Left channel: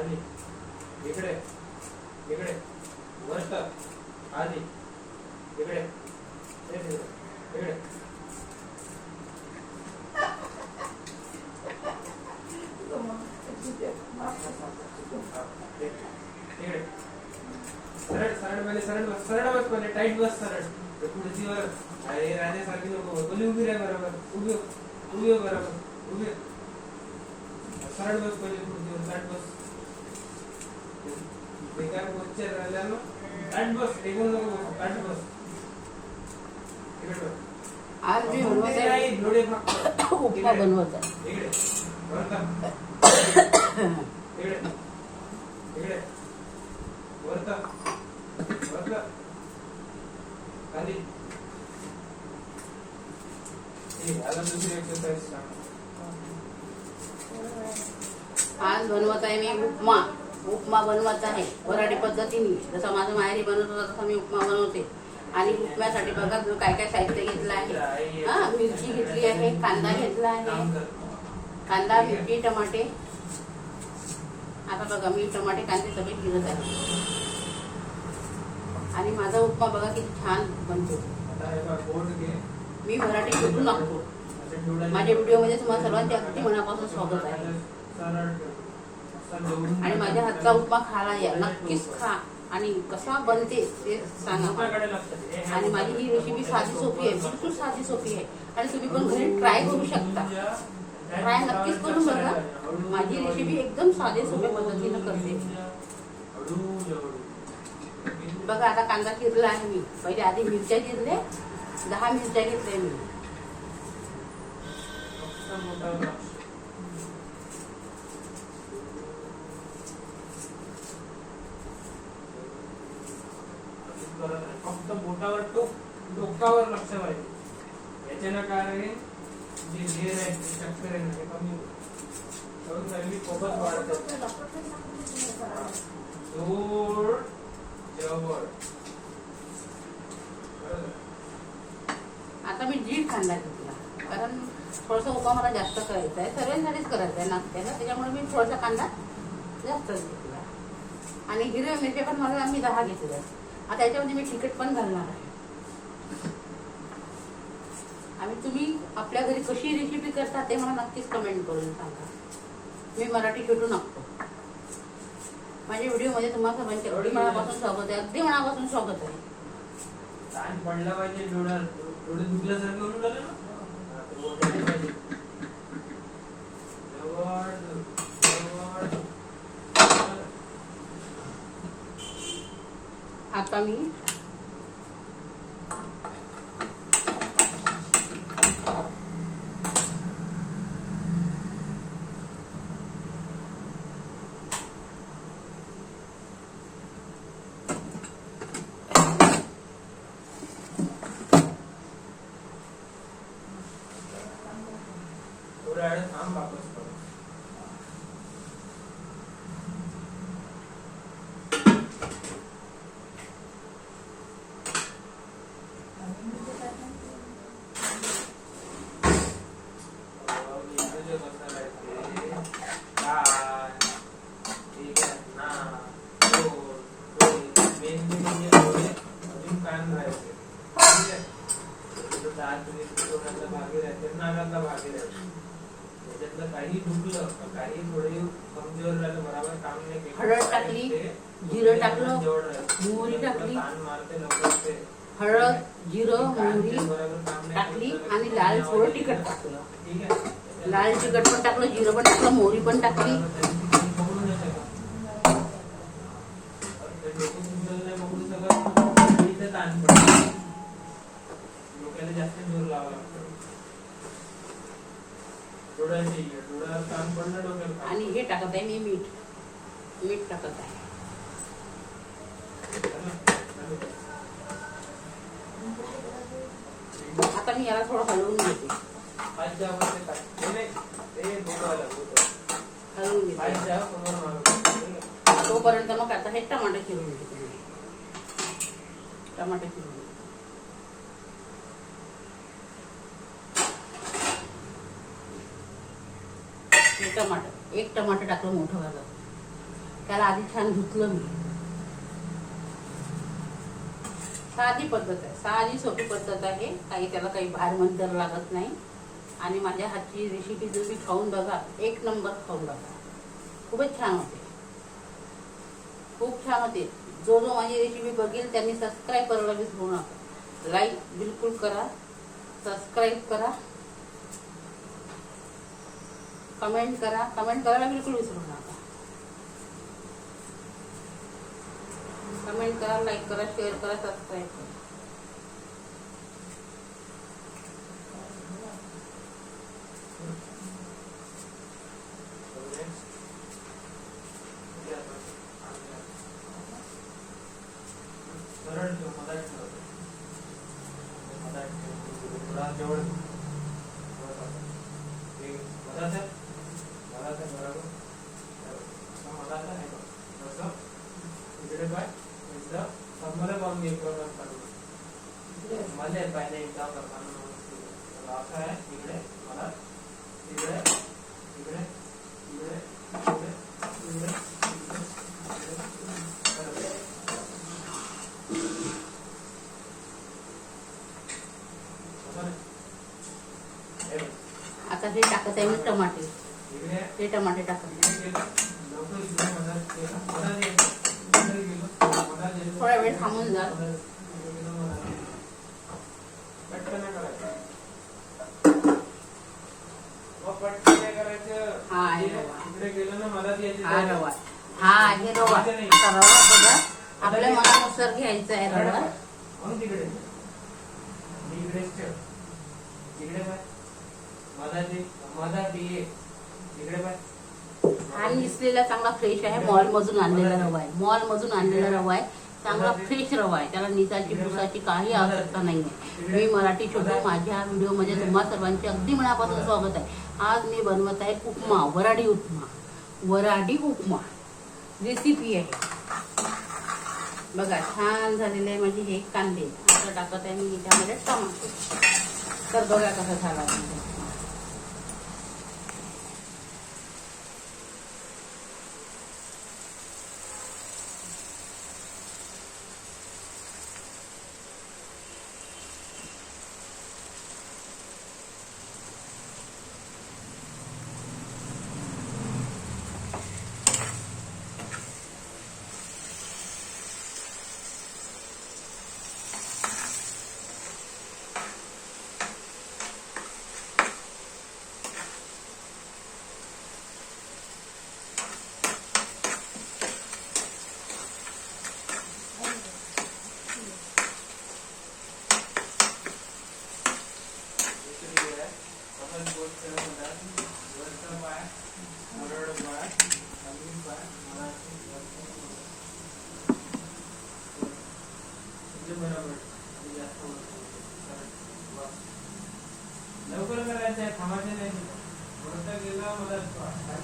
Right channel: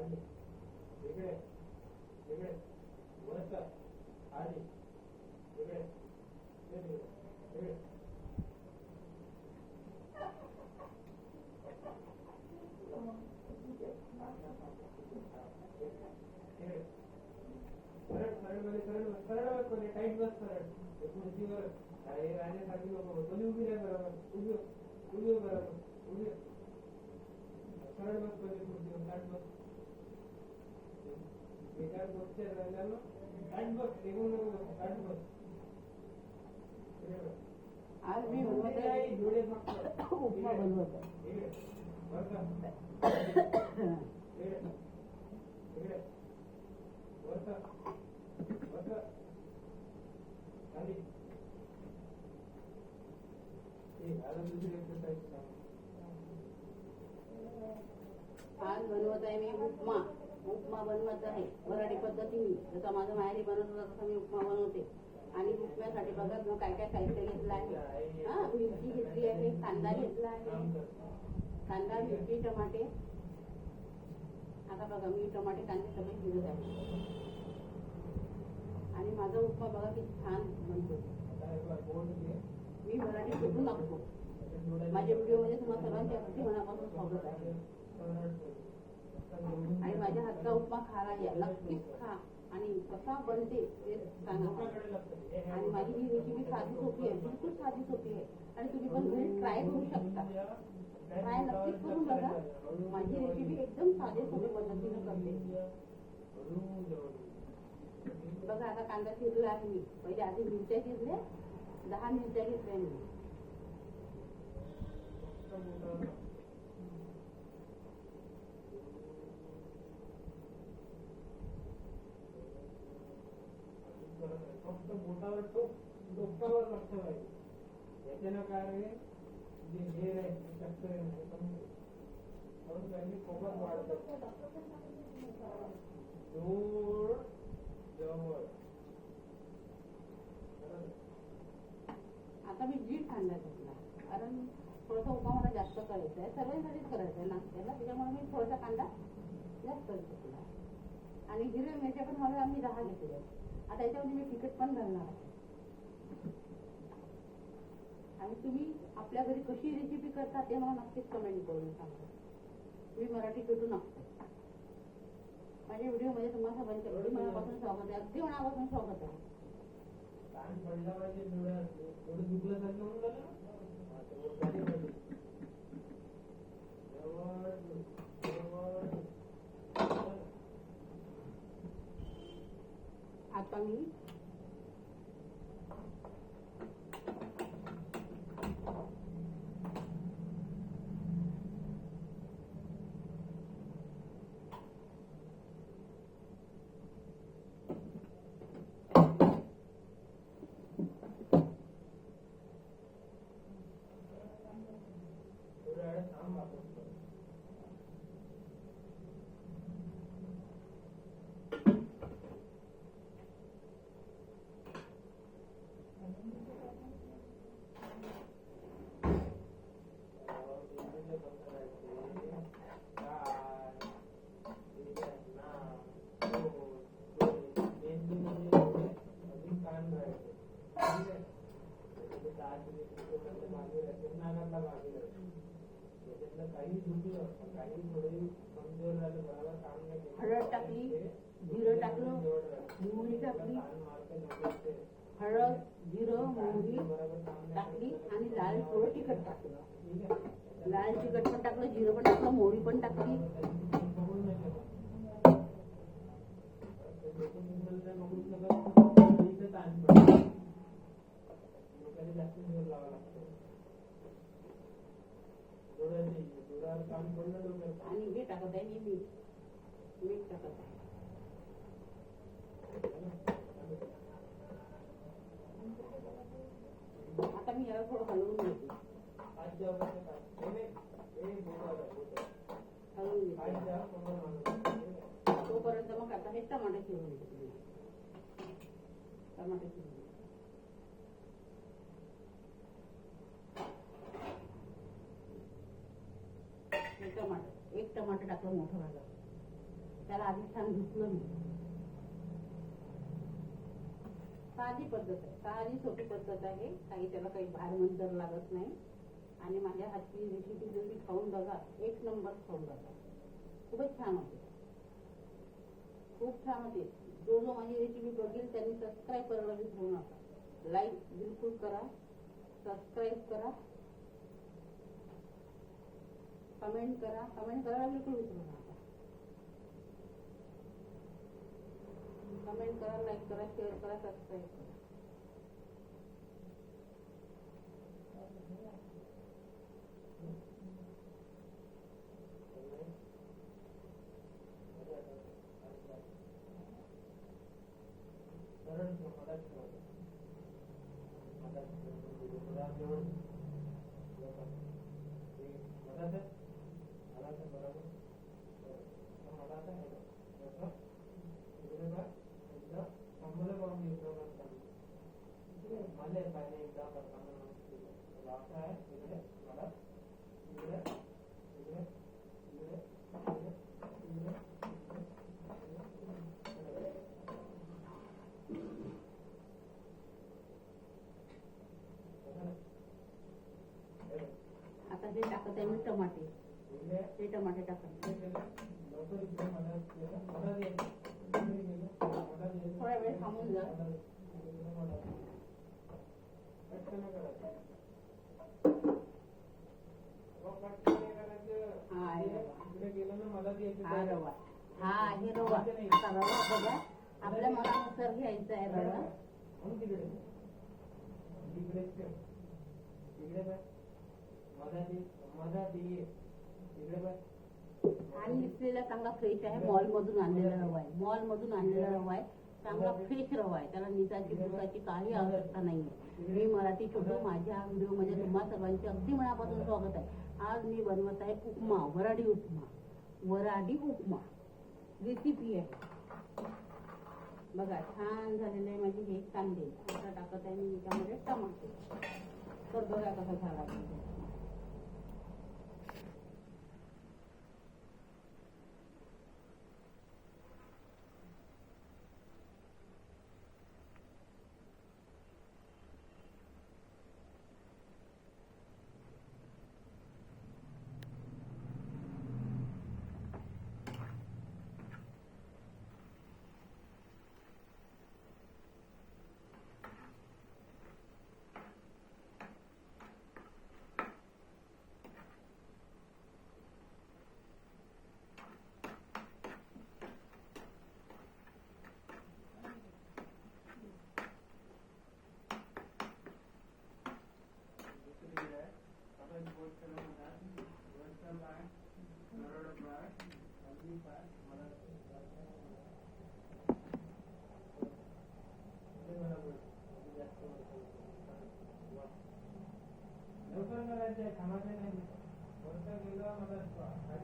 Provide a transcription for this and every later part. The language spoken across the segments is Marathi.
आधी इकडे इकडे वरत आधी इकडे इकडे सरळ सरळ पहिले सरळ बस पहिले टाईट बस सरळ खुर्चीवर अरे राहण्यासारखी नको बोली उभी राह बरोबर उभी उभी बरोबर उभी सरळ बस पहिले खुर्चीवर टाईट बस बेकार पोस्चर राहिला ना टाईट बस टेकून नको बस टाईट बस इकडे आज मी बनवत आहे डोळे फक्त उपमा बनवत आहे इकडे वरता इकडे इकडे वरता वरता खाली आता दुसरी एक्सरसाइज सांग आज बनवत आहे मी उपमा बनवत आहे वराडी पद्धतीने जसं माझं माहेरी बनवत होता तसं मी उपमा बनवते आणि उपम्यासाठी बघा काय काय साहित्य घेतलं आहे मिरची घेतली आहे कांदा घेतला आहे कांदा मिरची टमाटे आता बघा मी टमाटे कांदे सगळे गिरत आहे आणि माझा उपमा बघा किती छान बनतो मी मराठी शिकून लागतो माझ्या व्हिडिओमध्ये तुम्हाला सर्वांचे अगदी मनापासून स्वागत आहे आणि माझ्या हातचा उपमा खायला या नक्कीच खा आणि कसा बनते ते सांगा आणि माझी ही रेसिपी साधी सोपी आहे बिलकुल साधी सोपी आहे आणि तुम्ही पण घरी ट्राय करू शकता ट्राय नक्कीच करून बघा माझी रेसिपी एकदम साधे सोप्या पद्धतीनं करते बघा आता कांदा चिरला आहे मी पहिले आधी मिरच्या चिरले 10 मिरच्या घेतल्या मी फक्त बोटावर डोकावर लक्ष पाहिजे याच्यानं काय आहे जे घेर आहे स्ट्रक्चर आहे ते कमी होईल फोकस वाढत जोर जवळ आता मी दीड कांदा घेतला कारण थोडासा उपमा मला जास्त करायचा आहे सर्वांसाठीच करायचा आहे नाश्त्याला त्याच्यामुळे मी थोडासा कांदा जास्त घेतला आणि हिरव्या मिरच्या पण मला मी 10 घेतल्या आता याच्यामध्ये मी तिखट पण घालणार आहे आणि तुम्ही आपल्या घरी कशी रेसिपी करता ते मला नक्कीच कमेंट करून सांगा मी मराठी शिकू नसतो माझ्या व्हिडिओमध्ये तुम्हाला सर्वांचे अगदी मनापासून स्वागत आहे अगदी मनापासून स्वागत आहे ताण पडला पाहिजे डोळे दुखल्यासारखं होऊन राहिलं ना आता मी थोड्या वेळात थांब वापस करू काही दुखलं काही थोडे कमजोर झालं बरोबर काम नाही हळद टाकली जिरं टाकलं मोहरी टाकली हळद जिरं मोहरी टाकली आणि लाल थोडं तिखट टाकलं लाल तिखट पण टाकलं जिरं पण टाकलं मोहरी पण टाकली डोक्याला जास्त जोर लावा लागतो आणि हे टाकत आहे मी मीठ टाकत आहे आता मी याला थोडं हलवून घेते हलवून घेते तोपर्यंत मग आता हे टमाटर चिरून घेते टमाटर चिरून टमाटर एक टमाटर टाकलं मोठं झालं त्याला आधी छान धुतलं मी. साधी पद्धत आहे, साधी सोपी पद्धत आहे. त्याला काही भार मंतर लागत नाही. आणि माझ्या हातची रेसिपी तुम्ही खाऊन बघा, एक नंबर खाऊन बघा. खूपच छान होते, खूप छान होते. जो जो माझी रेसिपी बघेल त्यांनी सबस्क्राईब करायला विसरू नका. लाईक बिलकुल करा, सबस्क्राईब करा, कमेंट करा. कमेंट करायला बिलकुल विसरू नका. कमेंट करा, लाईक करा, शेअर करा, सबस्क्राईब करा. आता हे टाकत आहे मी टमाटे. हे टमाटे टाकत थोडा वेळ थांबून जा. हा आहे रवा. हा आहे रवा. आता रवा बघा आपल्या मनानुसार घ्यायचा आहे रवा. हा निसलेला चांगला फ्रेश आहे. मॉल मधून आणलेला रवा आहे. मॉल मधून आणलेला रवा आहे. चांगला फ्रेश रवा आहे. त्याला निसाची पुसाची काही आवश्यकता नाही आहे. मी मराठी छोटू माझ्या व्हिडिओमध्ये तुम्हा सर्वांचे अगदी मनापासून स्वागत आहे. आज मी बनवत आहे उपमा, वराडी उपमा. वराडी उपमा रेसिपी आहे बघा. छान झालेले आहे माझे हे कांदे. आता टाकत आहे मी त्यामध्ये टमाटे. तर बघा कसा झाला.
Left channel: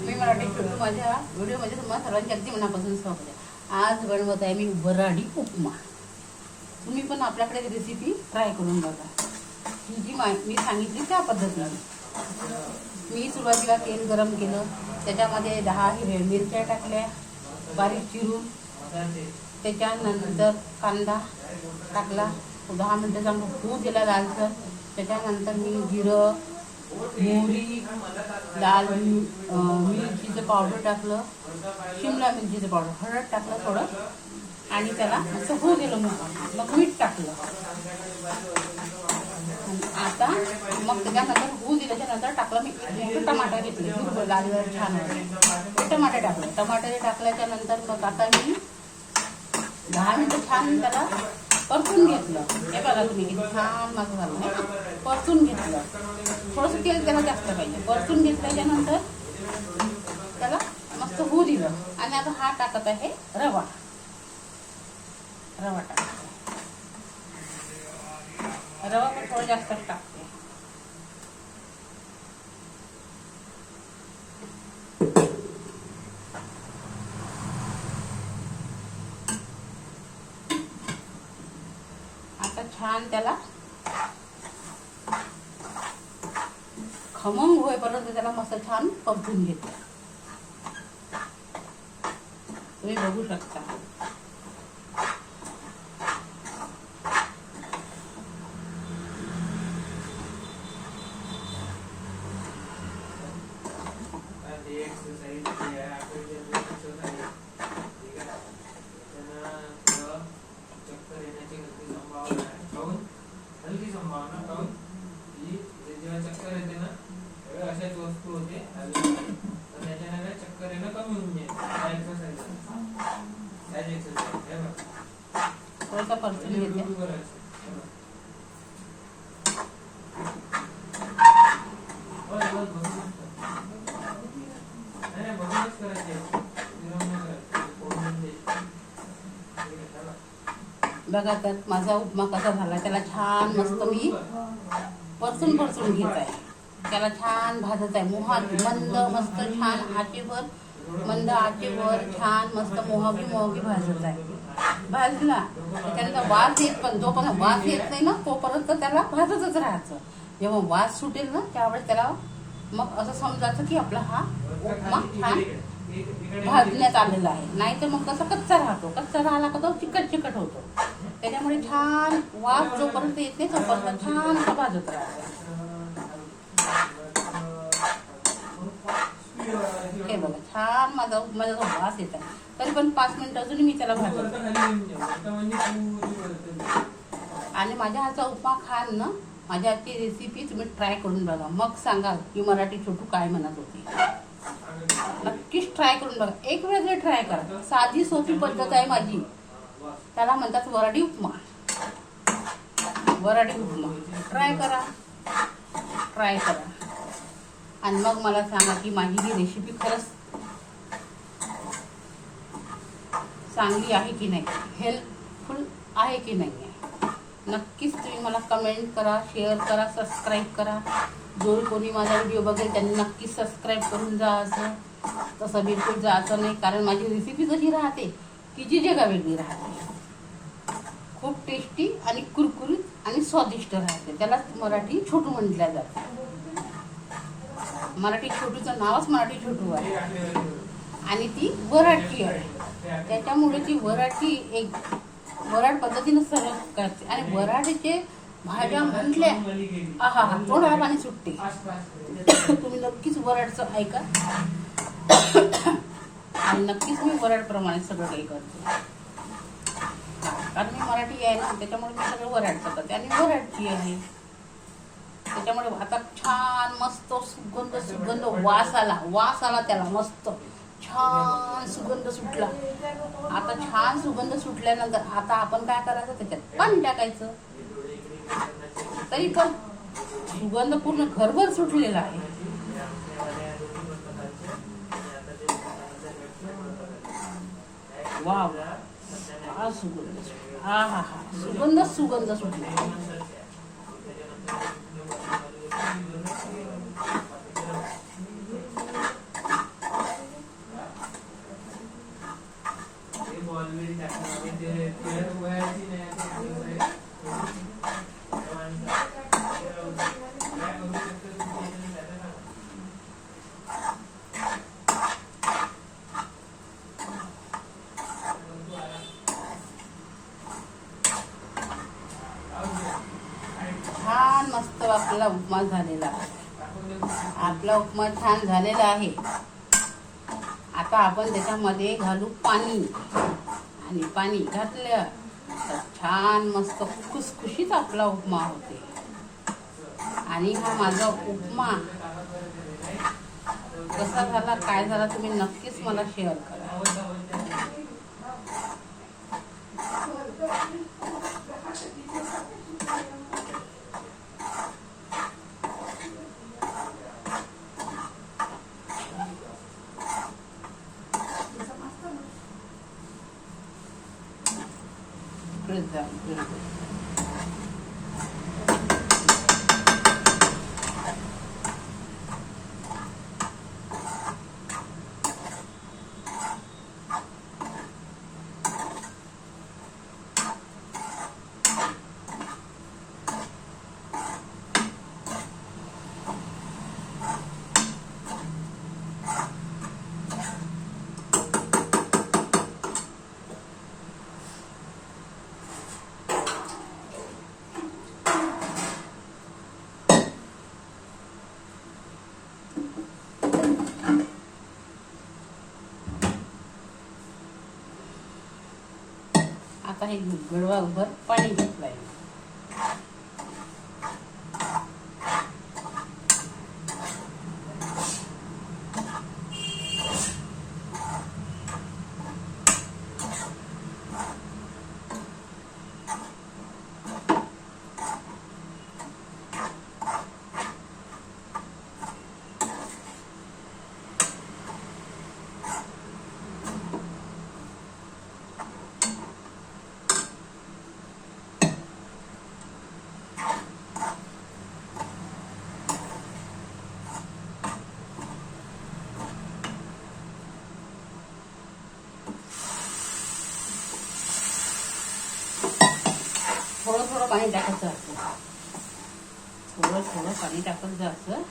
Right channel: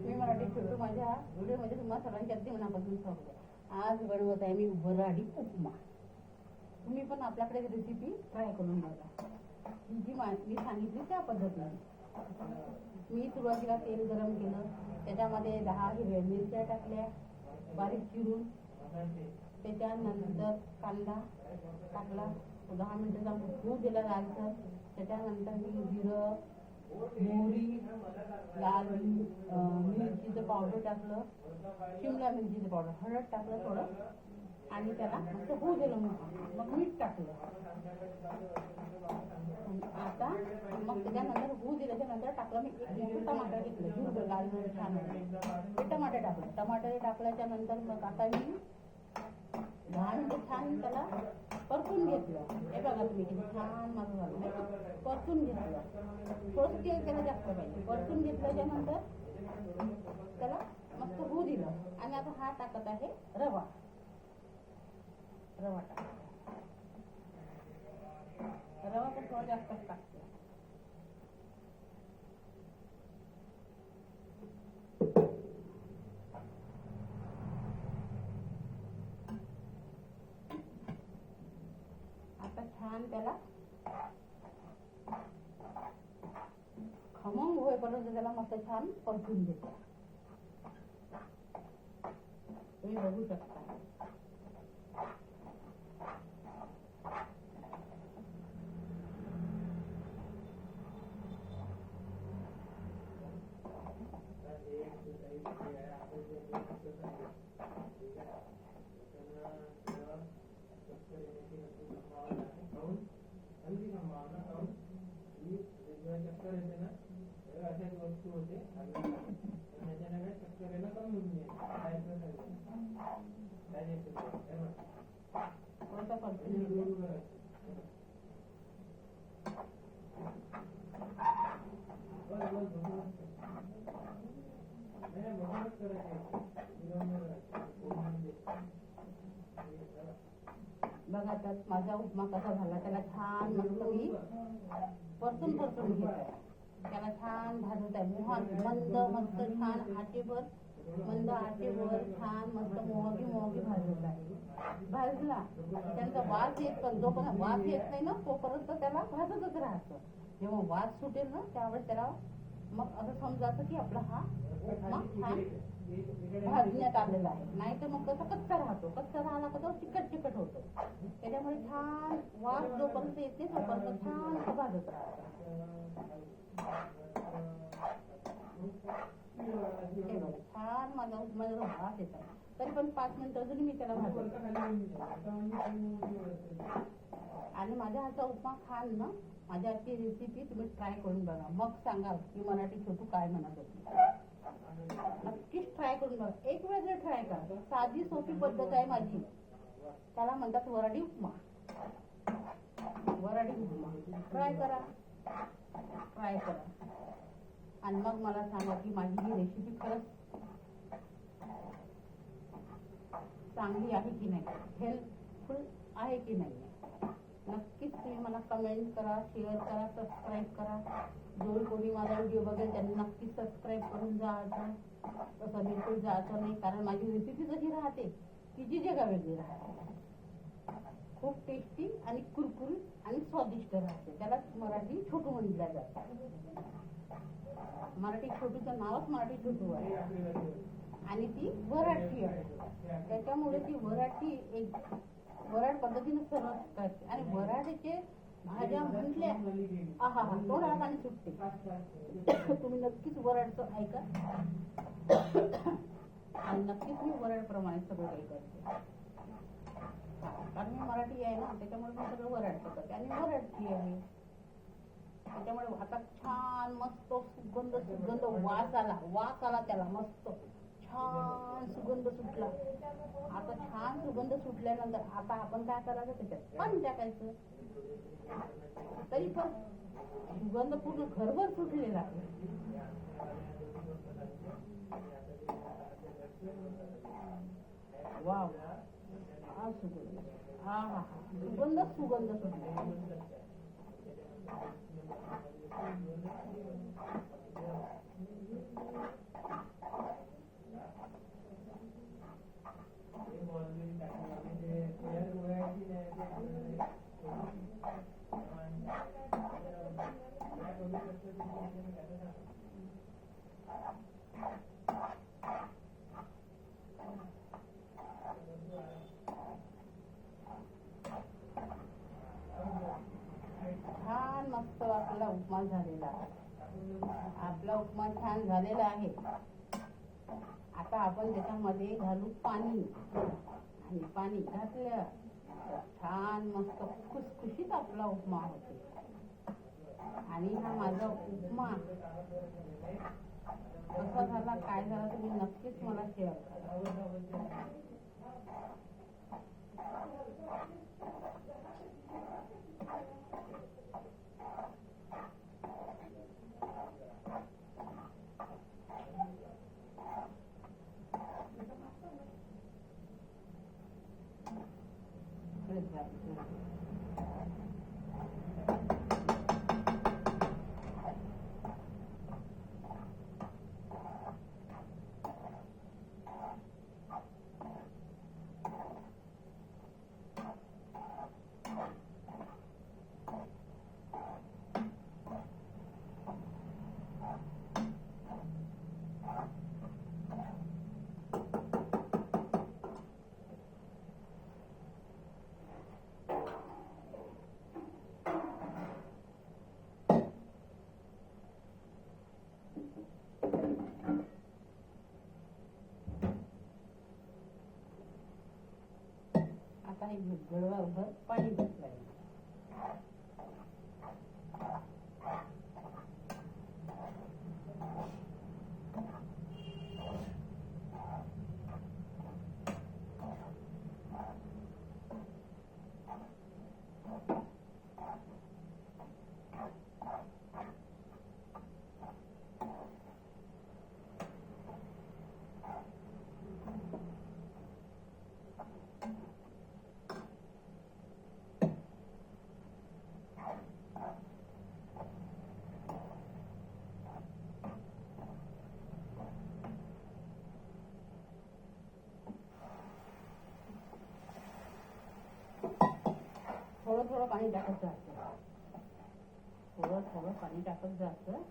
मी मराठी छोटू माझ्या व्हिडिओमध्ये तुम्हाला सर्वांची अगदी मनापासून स्वागत आहे. आज बनवत आहे मी वराडी उपमा. तुम्ही पण आपल्याकडे रेसिपी ट्राय करून बघा. ही जी मी सांगितली त्या पद्धतीने. मी सुरुवातीला तेल गरम केलं. त्याच्यामध्ये 10 हिरव्या मिरच्या टाकल्या बारीक चिरून. त्याच्यानंतर कांदा टाकला. 10 मिनटं चांगलं होऊ दिला लालसर. त्याच्यानंतर मी जिरं, मोहरी, लाल मिरचीचं पावडर टाकलं, शिमला मिरचीचं पावडर, हळद टाकलं थोडं आणि त्याला असं होऊ दिलं. मग मीठ टाकलं. आता मग त्याच्यानंतर होऊ दिल्याच्या नंतर टाकलं मी मोठं टमाटर घेतलं. लाल छान ते टमाटे टाकले. टमाटे टाकल्याच्या नंतर मग आता मी 10 मिनटं छान त्याला परतून घेतलं. हे बघा तुम्ही किती छान माझं झालं नाही. परतून घेतलं. थोडंसं तेल त्याला जास्त पाहिजे. परतून घेतल्याच्या नंतर त्याला मस्त होऊ दिलं. आणि आता हा टाकत आहे रवा. रवा टाकते. रवा पण थोडं जास्तच टाकते. आता छान त्याला खमंग होईपर्यंत त्याला मस्त छान परतून घेते. तुम्ही बघू शकता. हलकी संभावना काऊन की जेव्हा चक्कर येते ना तेव्हा अशाच वस्तू होते तर त्याच्याने काय चक्कर येणं कमी होऊन जाईल. त्या एक्सरसाइज हे बघा थोडासा पर्सन घेते. बघूनच करायचे बघा तर माझा उपमा कसा झाला. त्याला छान मस्त मी परतून घेत आहे. त्याला छान भाजत आहे. मंद मस्त छान आचेवर मंद आचेवर छान मस्त मोहगी भाजत आहे. भाजला त्याच्यानंतर वास येत पण जोपर्यंत वास येत नाही ना तोपर्यंत त्याला भाजतच राहायचं. जेव्हा वास सुटेल ना त्यावेळेस त्याला मग असं समजायचं की आपला हा उपमा छान भाजण्यात आलेला आहे. नाही तर मग कसं कच्चा राहतो. कच्चा राहिला का तो चिकट होतो. त्याच्यामुळे छान वास जोपर्यंत येत नाही तोपर्यंत छान असं भाजत राहतो. हे बघा छान माझा जो वास येत आहे. तरी पण 5 मिनिटं अजून मी त्याला भाजत. आणि माझ्या हातचा उपमा खाल ना माझ्या हातची रेसिपी तुम्ही ट्राय करून बघा. मग सांगाल की मराठी छोटू काय म्हणत होती. नक्कीच ट्राय करून बघा. एक वेळेस ट्राय करा. साधी सोपी पद्धत आहे माझी. त्याला म्हणतात वराडी उपमा. ट्राय करा आणि मग मला सांगा की माझी ही रेसिपी खरंच चांगली आहे की नाही, हेल्पफुल आहे की नाही आहे. नक्कीच तुम्ही मला कमेंट करा, शेअर करा, सबस्क्राईब करा. जो कोणी माझा व्हिडिओ बघेल त्यांनी नक्की सबस्क्राईब करून जायचं. तसं बिलकुल जायचं नाही कारण माझी रेसिपी कशी राहते की जी जगा वेगळी राहते. खूप टेस्टी आणि कुरकुरीत आणि स्वादिष्ट राहते. त्याला मराठी छोटू म्हटल्या जाते. मराठी छोटूचं नावच मराठी छोटू आहे आणि ती वराठी आहे. त्याच्यामुळे ती वराठी एक वराड पद्धतीनं सर्व करते. आणि वराडीचे भाज्या म्हटल्या आहा तोंडाला पाणी सुटते. तुम्ही नक्कीच वराडचं ऐका आणि नक्कीच मी वराडप्रमाणे सगळं काही करते. कारण मी मराठी आहे ना त्याच्यामुळे मी सगळं वराडचं करते आणि वराडची आहे. त्याच्यामुळे आता छान मस्त सुगंध वास आला त्याला मस्त छान सुगंध सुटला. आता छान सुगंध सुटल्यानंतर आता आपण काय करायचं त्याच्यात पाणी टाकायचं. तरी पण सुगंध पूर्ण घरभर सुटलेला आहे. वा सुगंध सुगंध सुटला. छान मस्त आपला उपमा झालेला आहे. आपला उपमा छान झालेला आहे. आता आपण त्याच्यामध्ये घालू पाणी आणि पाणी घातलं तर छान मस्त खुसखुशीत आपला उपमा होते. आणि हा माझा उपमा कसा झाला काय झाला तुम्ही नक्कीच मला शेअर करा. आता हे गडवाभर पाणी घेतलंय. थोडं थोडं पाणी टाकत जायचं. थोडं थोडं पाणी टाकत जायचं.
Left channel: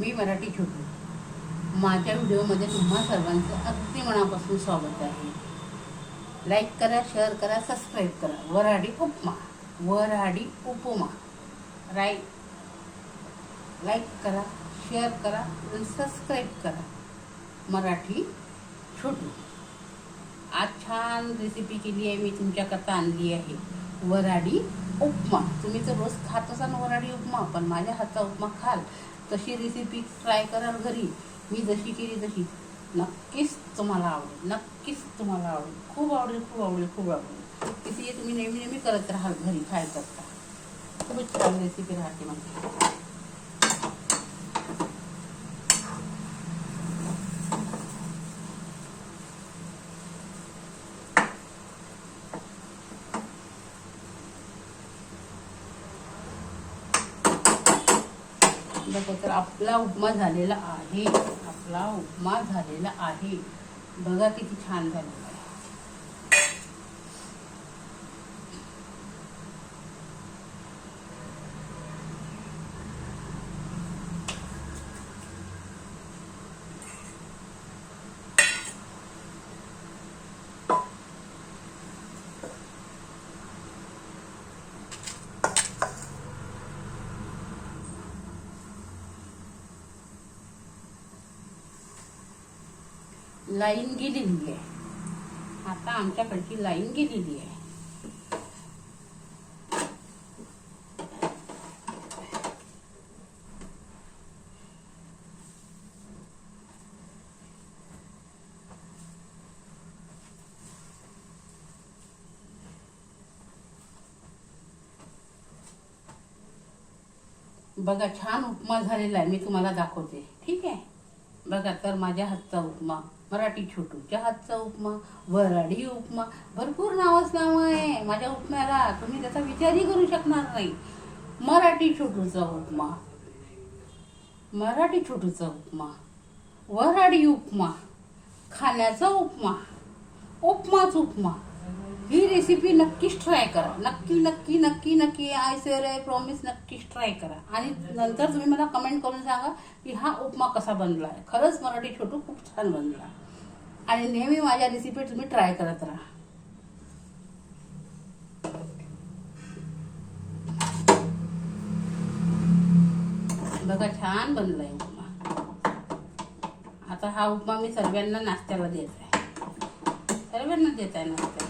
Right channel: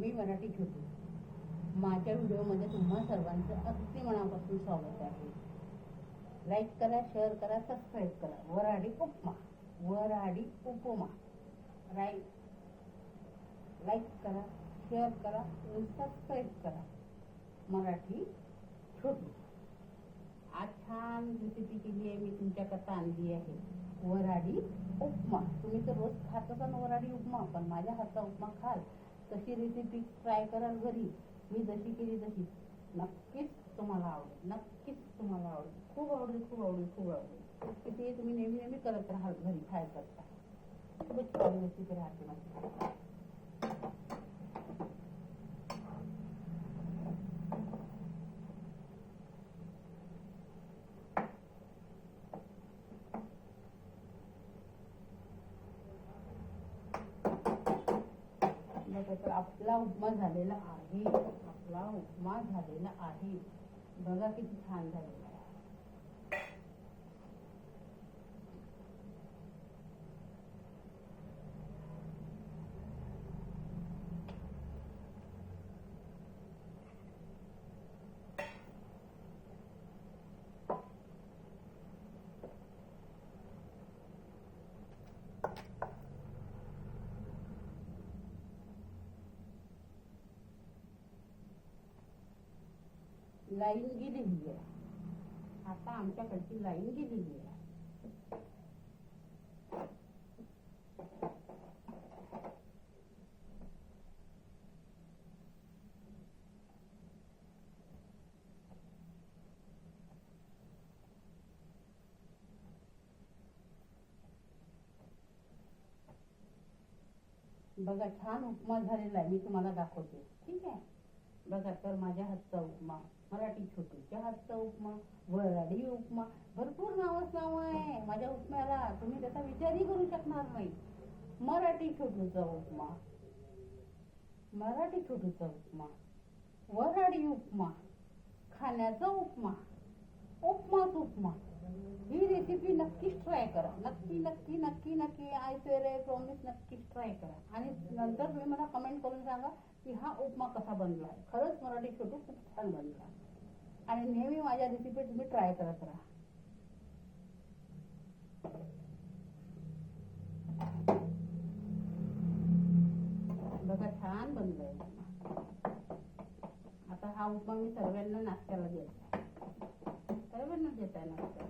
मी मराठी छोटू. माझ्या व्हिडिओमध्ये तुम्हा सर्वांचं अगदी मनापासून स्वागत आहे. लाईक करा, शेअर करा, सबस्क्राईब करा. वऱ्हाडी उपमा, वऱ्हाडी उपमा. लाईक करा, शेअर करा आणि सबस्क्राईब करा. मराठी छोटू. आज छान रेसिपी केली आहे मी तुमच्याकरता आणली आहे. वऱ्हाडी उपमा. तुम्ही तर रोज खात असाल वऱ्हाडी उपमा, पण माझ्या हातचा उपमा खाल तशी रेसिपी ट्राय कराल घरी. मी जशी केली तशी. नक्कीच तुम्हाला आवडेल, नक्कीच तुम्हाला आवडेल. खूप आवडेल, खूप आवडेल, खूप आवडेल. किती तुम्ही नेहमी नेहमी करत राहाल घरी खायचं का. खूपच छान रेसिपी राहते माझी. बघा तर आपला उपमा झालेला आहे. आपला उपमा झालेला आहे. बघा किती छान झालेला आहे. लाईन गेलेली आहे. आता आमच्याकडची लाईन गेलेली आहे. बघा छान उपमा झालेला आहे. मी तुम्हाला दाखवते. ठीक आहे. बघा तर माझ्या हातचा उपमा, मराठी छोटूच्या हातचा उपमा, वऱ्हाडी उपमा. भरपूर नावच नाव आहे माझ्या उपम्याला. तुम्ही त्याचा विचारही करू शकणार नाही. मराठी छोटूचा उपमा, मराठी छोटूचा उपमा, वऱ्हाडी उपमा, खाण्याचा उपमा, उपमाच उपमा. ही रेसिपी नक्कीच ट्राय करा. नक्की नक्की नक्की नक्की आय सेअर आय प्रॉमिस नक्कीच ट्राय करा. आणि नंतर तुम्ही मला कमेंट करून सांगा की हा उपमा कसा बनला आहे. खरंच मराठी छोटू खूप छान बनला. आणि नेहमी माझ्या रेसिपी तुम्ही ट्राय करत राहा. बघा छान बनलाय उपमा. आता हा उपमा मी सर्वांना नाश्त्याला देत आहे. सर्वांना देत आहे नाश्त्याला.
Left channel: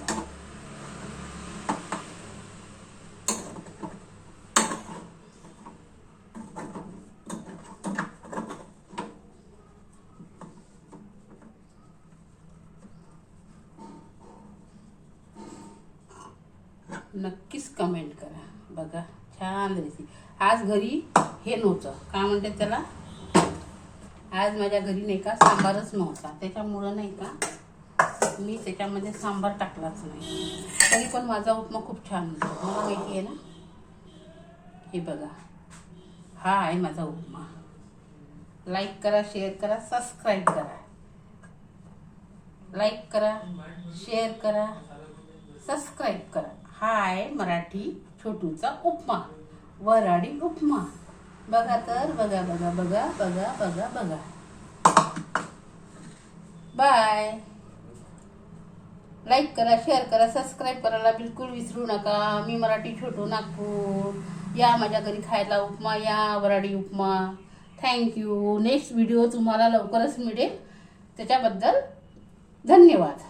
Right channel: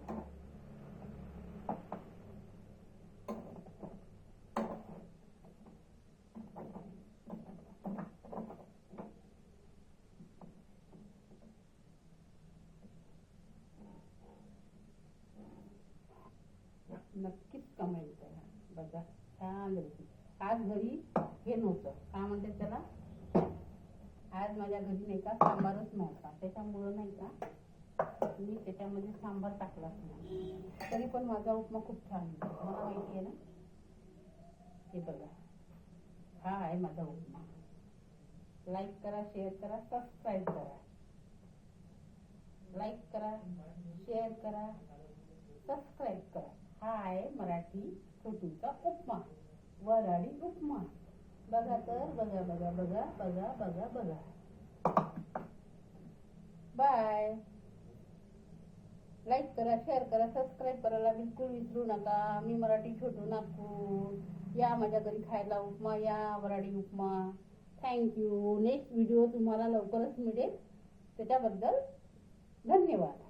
नक्कीच कमेंट करा. बघा छान रेसिपी. आज घरी हे नव्हतं, काय म्हणतात त्याला, आज माझ्या घरी नाही का सांबारच नव्हता. त्याच्यामुळं नाही का मी त्याच्यामध्ये सांबार टाकलाच नाही. तरी पण माझा उपमा खूप छान होतो. मला माहिती आहे ना. हे बघा हा आहे माझा उपमा. लाईक करा, शेअर करा, सबस्क्राईब करा. लाईक करा, शेअर करा, सबस्क्राईब करा. हा आहे मराठी छोटूचा उपमा, वऱ्हाडी उपमा. बघा तर, बघा बघा बघा बघा बघा बघा. बाय. लाईक करा, शेअर करा, सबस्क्राईब करायला बिलकुल विसरू नका. मी मराठी छोटू नागपूर. या माझ्या घरी खायला उपमा, या वऱ्हाडी उपमा. थँक्यू. नेक्स्ट व्हिडिओ तुम्हाला लवकरच मिळेल. त्याच्याबद्दल धन्यवाद.